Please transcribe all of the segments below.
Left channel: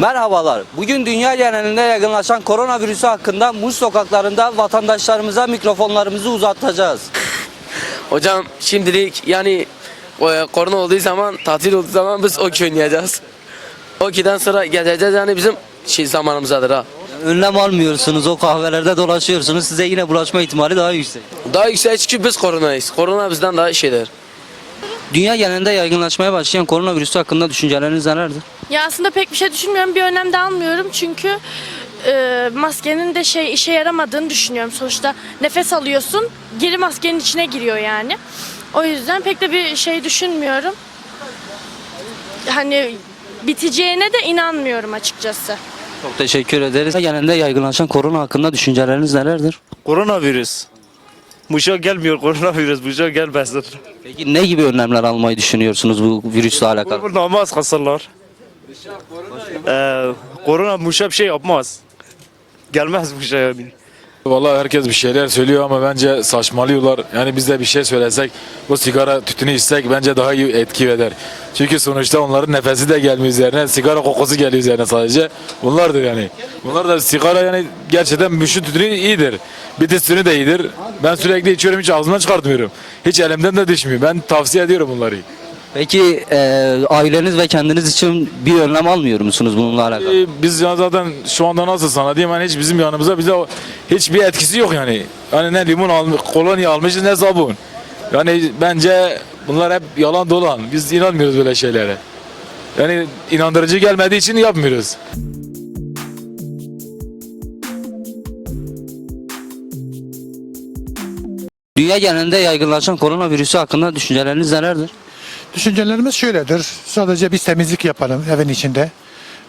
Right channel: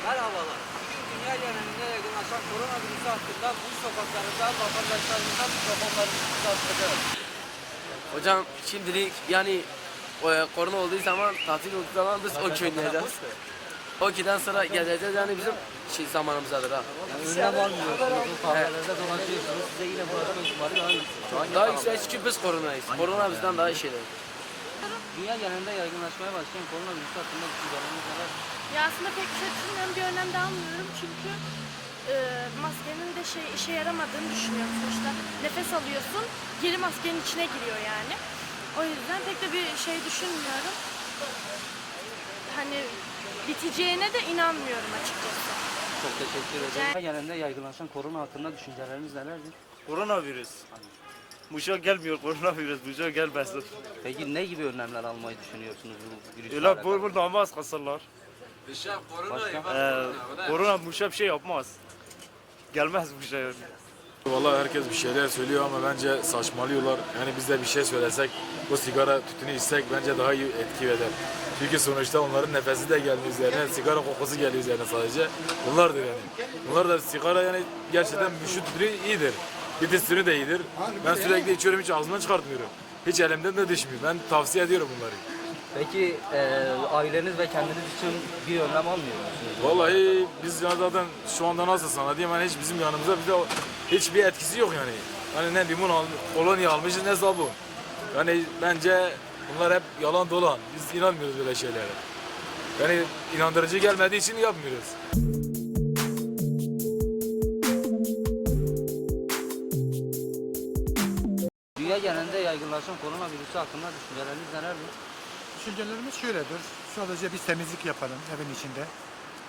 Merhabalar. Bugün dünya genelinde yaygınlaşan koronavirüsü hakkında Muş sokaklarında vatandaşlarımıza mikrofonlarımızı uzatacağız. Hocam şimdilik yani e, korona olduğu zaman, tatil olduğu zaman biz okey oynayacağız. Okey'den sonra geleceğiz yani bizim şey zamanımızdadır ha. Önlem almıyorsunuz, o kahvelerde dolaşıyorsunuz. Size yine bulaşma ihtimali daha yüksek. Daha yüksek çünkü biz koronayız. Korona bizden daha şeydir. Dünya genelinde yaygınlaşmaya başlayan koronavirüsü hakkında düşünceleriniz nelerdir? Ya aslında pek bir şey düşünmüyorum. Bir önlem de almıyorum çünkü e, maskenin de şey işe yaramadığını düşünüyorum. Sonuçta nefes alıyorsun, geri maskenin içine giriyor yani. O yüzden pek de bir şey düşünmüyorum. Hani biteceğine de inanmıyorum açıkçası. Çok teşekkür ederiz. Dünya genelinde yaygınlaşan korona hakkında düşünceleriniz nelerdir? Koronavirüs. Muşa gelmiyor koronavirüs. Muşa gelmesin. Peki ne gibi önlemler almayı düşünüyorsunuz bu virüsle alakalı? Bu namaz kasarlar. Ee, korona Muşa bir şey yapmaz. Gelmez Muşa yani. Vallahi herkes bir şeyler söylüyor ama bence saçmalıyorlar. Yani biz de bir şey söylesek, bu sigara tütünü içsek bence daha iyi etki eder. Çünkü sonuçta onların nefesi de gelmiyor üzerine, sigara kokusu geliyor üzerine sadece. Bunlardır yani. Bunlar da sigara yani gerçekten müşün tütünü iyidir. Bitis tütünü de iyidir. Ben sürekli içiyorum hiç ağzımdan çıkartmıyorum. Hiç elimden de düşmüyor. Ben tavsiye ediyorum bunları. Peki e, aileniz ve kendiniz için bir önlem almıyor musunuz bununla alakalı? Biz ya zaten şu anda nasıl sana diyeyim hani hiç bizim yanımıza bize hiçbir etkisi yok yani. Hani ne limon almış, kolonya almışız ne sabun. Yani bence bunlar hep yalan dolan. Biz inanmıyoruz böyle şeylere. Yani inandırıcı gelmediği için yapmıyoruz. Dünya genelinde yaygınlaşan koronavirüsü hakkında düşünceleriniz nelerdir? Düşüncelerimiz şöyledir. Sadece biz temizlik yapalım evin içinde.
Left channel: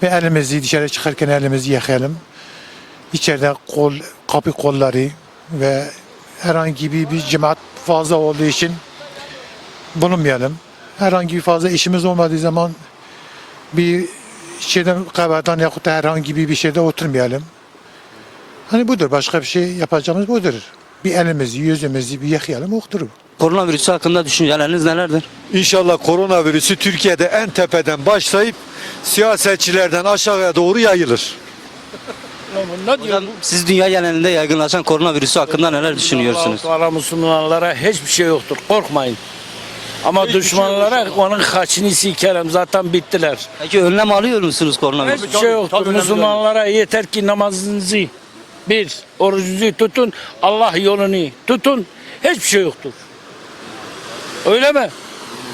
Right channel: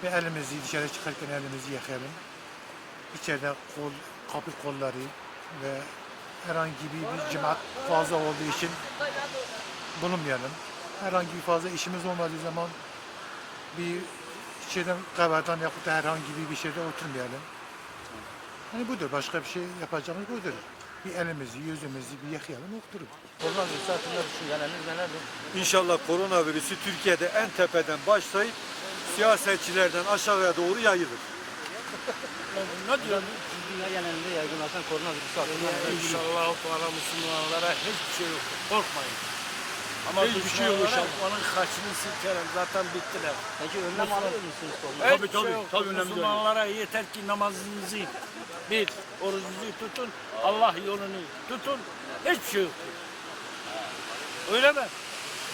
Ve elimizi dışarı çıkarken elimizi yıkayalım. İçeride kol, kapı kolları ve herhangi bir, bir cemaat fazla olduğu için bulunmayalım. Herhangi bir fazla işimiz olmadığı zaman bir şeyden kahveden yahut da herhangi bir bir şeyde oturmayalım. Hani budur. Başka bir şey yapacağımız budur. Bir elimizi, yüzümüzü bir yıkayalım, okturup. Koronavirüsü hakkında düşünceleriniz nelerdir? İnşallah koronavirüsü Türkiye'de en tepeden başlayıp siyasetçilerden aşağıya doğru yayılır. Hocam, siz dünya genelinde yaygınlaşan koronavirüsü hakkında neler düşünüyorsunuz? Kara Müslümanlara hiçbir şey yoktur. Korkmayın. Ama düşmanlara onun kaçını sikerim. Zaten bittiler. Peki önlem alıyor musunuz koronavirüsü? Hiçbir şey yoktur. Müslümanlara yeter ki namazınızı bir, orucunuzu tutun. Allah yolunu tutun. Hiçbir şey yoktur. Öyle mi?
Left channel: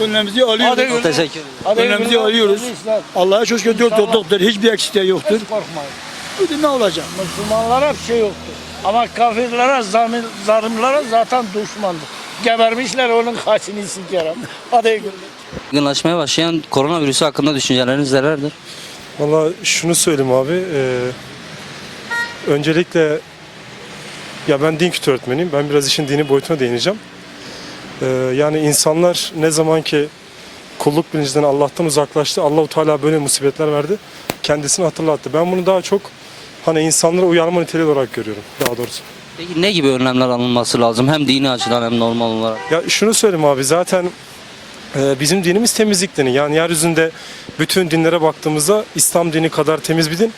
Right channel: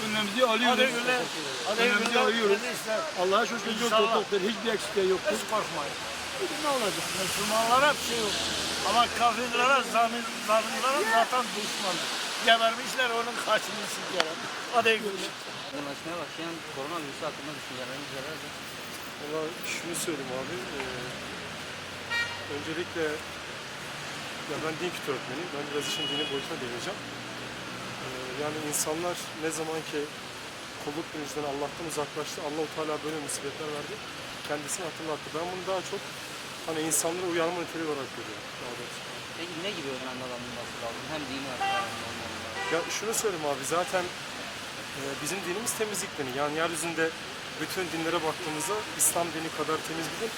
Önlemimizi alıyoruz. Hadi teşekkür ederim. Önlemimizi alıyoruz. Allah'a çok şükür dört doktor. Hiçbir eksikliği yoktur. Hiç korkmayın. Öyle ne olacak? Müslümanlara bir şey yoktur. Ama kafirlere, zalim, zalimlere zaten düşmandır. Gebermişler onun kaçını sikerim. Hadi görüşürüz. Yaygınlaşmaya başlayan koronavirüsü hakkında düşünceleriniz nelerdir? Valla şunu söyleyeyim abi. eee, öncelikle ya ben din kültürü öğretmeniyim. Ben biraz işin dini boyutuna değineceğim. Eee, yani insanlar ne zaman ki kulluk bilincinden Allah'tan uzaklaştı. Allahu Teala böyle musibetler verdi. Kendisini hatırlattı. Ben bunu daha çok hani insanlara uyarma niteliği olarak görüyorum daha doğrusu. Peki ne gibi önlemler alınması lazım? Hem dini açıdan hem normal olarak. Ya şunu söyleyeyim abi zaten e, bizim dinimiz temizlik dini. Yani yeryüzünde bütün dinlere baktığımızda İslam dini kadar temiz bir din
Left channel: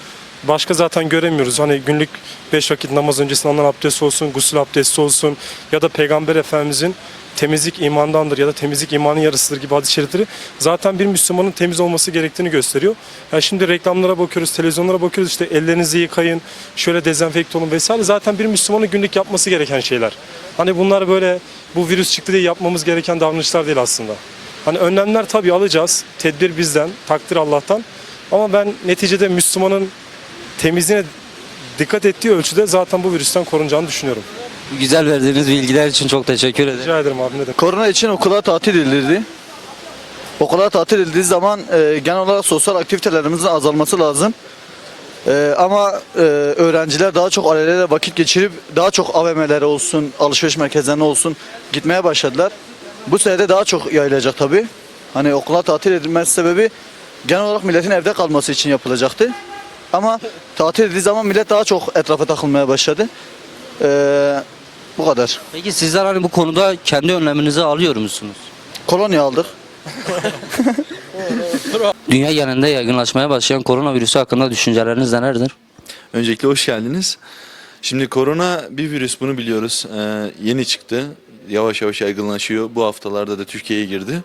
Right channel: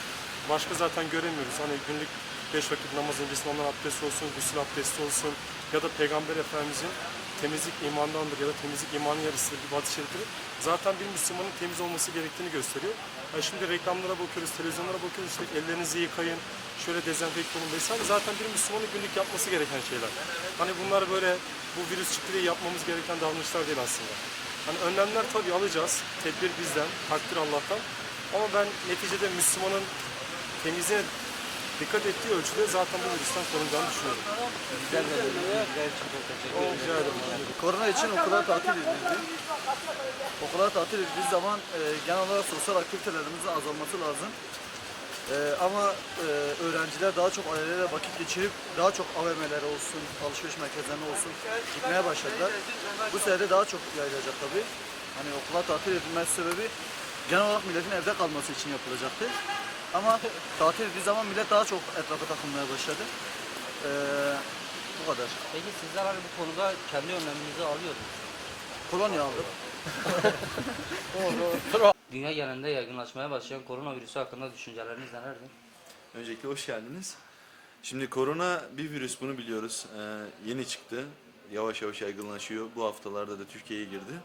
başka zaten göremiyoruz. Hani günlük beş vakit namaz öncesinde alınan abdest olsun, gusül abdesti olsun ya da Peygamber Efendimizin temizlik imandandır ya da temizlik imanın yarısıdır gibi hadis-i şerifleri zaten bir Müslümanın temiz olması gerektiğini gösteriyor. Ya şimdi reklamlara bakıyoruz, televizyonlara bakıyoruz işte ellerinizi yıkayın, şöyle dezenfekte olun vesaire. Zaten bir Müslümanın günlük yapması gereken şeyler. Hani bunlar böyle bu virüs çıktı diye yapmamız gereken davranışlar değil aslında. Hani önlemler tabii alacağız. Tedbir bizden, takdir Allah'tan. Ama ben neticede Müslümanın temizliğine dikkat ettiği ölçüde zaten bu virüsten korunacağını düşünüyorum. Bu güzel verdiğiniz bilgiler için çok teşekkür ederim. Rica ederim abi ne demek. Korona için okullar tatil edildi. Okullar tatil edildiği zaman e, genel olarak sosyal aktivitelerimizin azalması lazım. E, ama e, öğrenciler daha çok ailelerle vakit geçirip daha çok AVM'lere olsun, alışveriş merkezlerine olsun gitmeye başladılar. Bu sene de daha çok yayılacak tabii. Hani okullar tatil edilmesi sebebi genel olarak milletin evde kalması için yapılacaktı. Ama tatil edildiği zaman millet daha çok etrafa takılmaya başladı. E, bu kadar. Peki sizler hani bu konuda kendi önleminizi alıyor musunuz? Kolonya aldık. Dünya genelinde yaygınlaşmaya başlayan koronavirüsü hakkında düşünceleriniz nelerdir? Öncelikle hoş geldiniz. Şimdi korona bir virüs bunu biliyoruz. Ee, yeni çıktı. Yavaş yavaş yaygınlaşıyor. Bu haftalarda da Türkiye'ye girdi.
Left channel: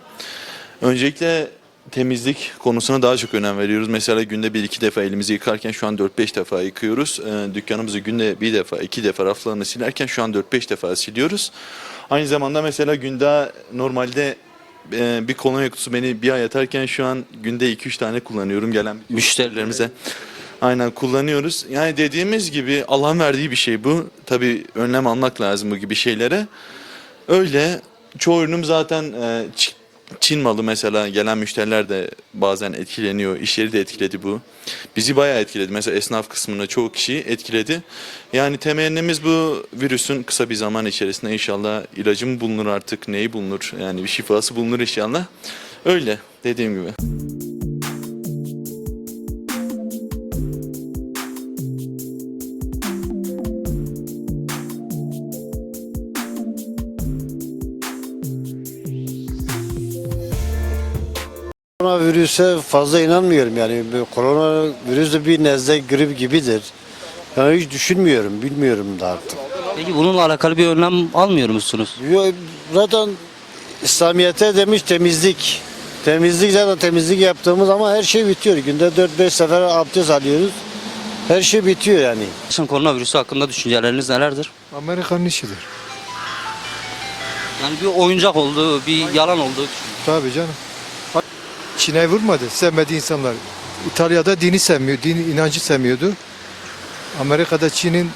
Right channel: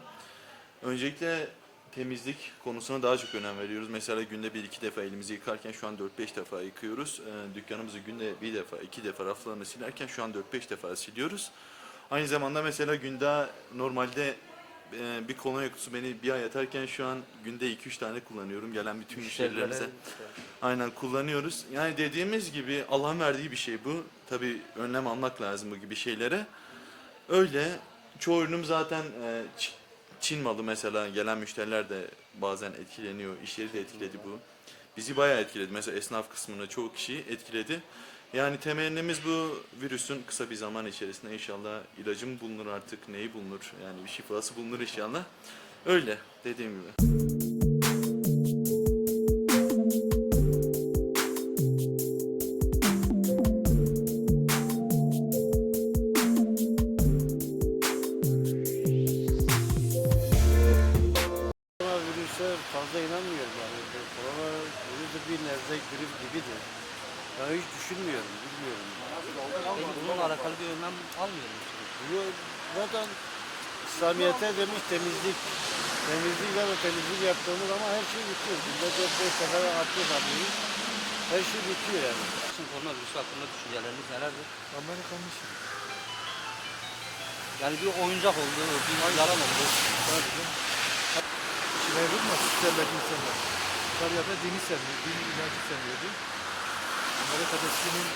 Öncelikle temizlik konusuna daha çok önem veriyoruz. Mesela günde bir iki defa elimizi yıkarken şu an 4-5 defa yıkıyoruz. Ee, dükkanımızı günde bir defa iki defa raflarını silerken şu an 4-5 defa siliyoruz. Aynı zamanda mesela günde normalde e, bir kolonya kutusu beni bir ay yatarken şu an günde 2-3 tane kullanıyorum gelen müşterilerimize. Aynen kullanıyoruz. Yani dediğimiz gibi Allah'ın verdiği bir şey bu. Tabii önlem almak lazım bu gibi şeylere. Öyle çoğu ürünüm zaten e, Çin malı mesela gelen müşteriler de bazen etkileniyor. İş yeri de etkiledi bu. Bizi bayağı etkiledi. Mesela esnaf kısmını çoğu kişiyi etkiledi. Yani temennimiz bu virüsün kısa bir zaman içerisinde inşallah ilacı mı bulunur artık neyi bulunur yani bir şifası bulunur inşallah. Öyle dediğim gibi. Koronavirüse fazla inanmıyorum yani. Bu Koronavirüs de bir nezle grip gibidir. Ben hiç düşünmüyorum, bilmiyorum da artık. Peki bununla alakalı bir önlem almıyor musunuz? Yo, Zaten İslamiyet'e demiş temizlik. Temizlik zaten temizlik yaptığımız ama her şey bitiyor. Günde 4-5 sefer abdest alıyoruz. Her şey bitiyor yani. Şimdi koronavirüsü hakkında düşünceleriniz nelerdir? Amerika'nın işidir. Yani bir oyuncak oldu, bir yalan oldu. Tabii canım. Çin'e vurmadı. Sevmediği insanlar. İtalya'da dini sevmiyor, dini inancı sevmiyordu. Amerika'da Çin'in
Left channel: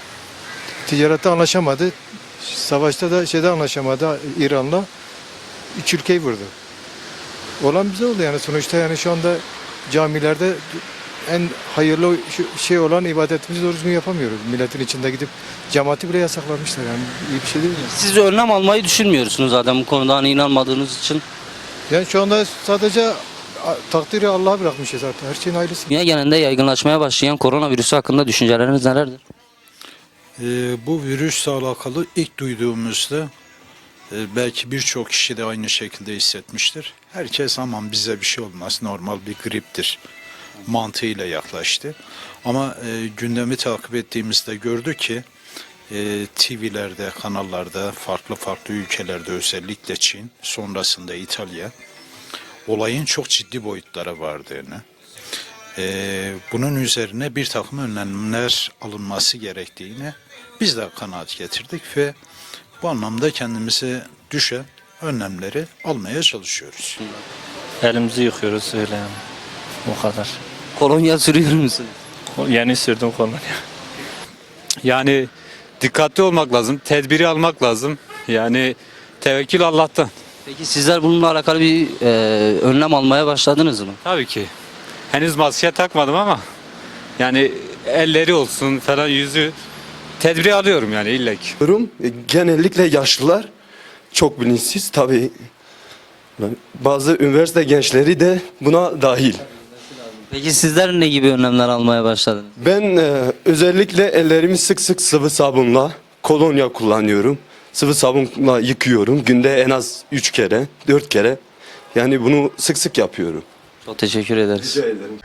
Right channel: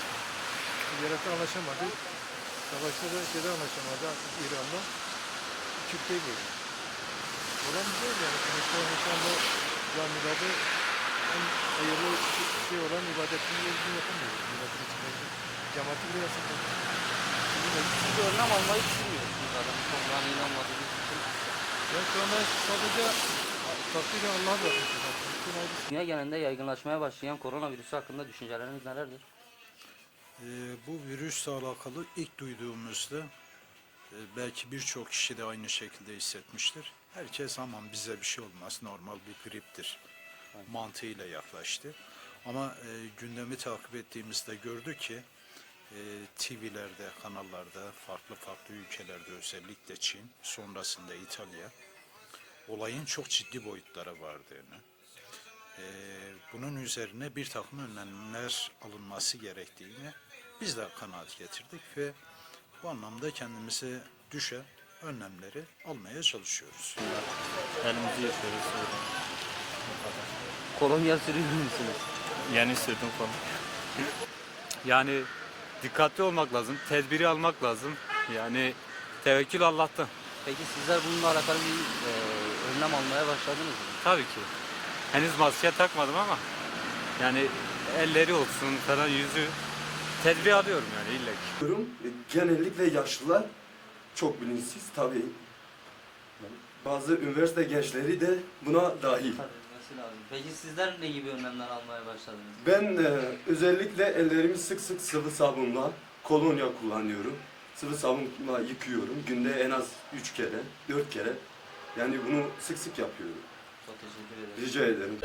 ticarette anlaşamadı. Savaşta da şeyde anlaşamadı İran'la. Üç ülkeyi vurdu. Olan bize oldu yani sonuçta yani şu anda camilerde en hayırlı şey olan ibadetimizi doğru düzgün yapamıyoruz. Milletin içinde gidip cemaati bile yasaklamışlar yani iyi bir şey değil mi? Siz önlem almayı düşünmüyorsunuz zaten bu konuda hani inanmadığınız için. Yani şu anda sadece takdiri Allah'a bırakmışız zaten. Her şeyin hayırlısı. Dünya genelinde yaygınlaşmaya başlayan koronavirüsü hakkında düşünceleriniz nelerdir? Ee, bu virüsle alakalı ilk duyduğumuzda e, belki birçok kişi de aynı şekilde hissetmiştir. Herkes aman bize bir şey olmaz normal bir griptir mantığıyla yaklaştı. Ama e, gündemi takip ettiğimizde gördük ki e, TV'lerde, kanallarda, farklı farklı ülkelerde özellikle Çin, sonrasında İtalya olayın çok ciddi boyutlara vardığını, ee, bunun üzerine bir takım önlemler alınması gerektiğini biz de kanaat getirdik ve bu anlamda kendimize düşen önlemleri almaya çalışıyoruz. Elimizi yıkıyoruz öyle yani. O kadar. Kolonya sürüyor musunuz? Yeni sürdüm kolonya. Yani dikkatli olmak lazım, tedbiri almak lazım. Yani tevekkül Allah'tan. Peki sizler bununla alakalı bir e, önlem almaya başladınız mı? Tabii ki. Henüz maske takmadım ama yani elleri olsun falan yüzü tedbiri alıyorum yani illa ki. Genellikle yaşlılar çok bilinçsiz tabii. Bazı üniversite gençleri de buna dahil. Peki sizler ne gibi önlemler almaya başladınız? Ben e, özellikle ellerimi sık sık sıvı sabunla, kolonya kullanıyorum. Sıvı sabunla yıkıyorum. Günde en az 3 kere, 4 kere. Yani bunu sık sık yapıyorum. Çok teşekkür ederiz. ederim.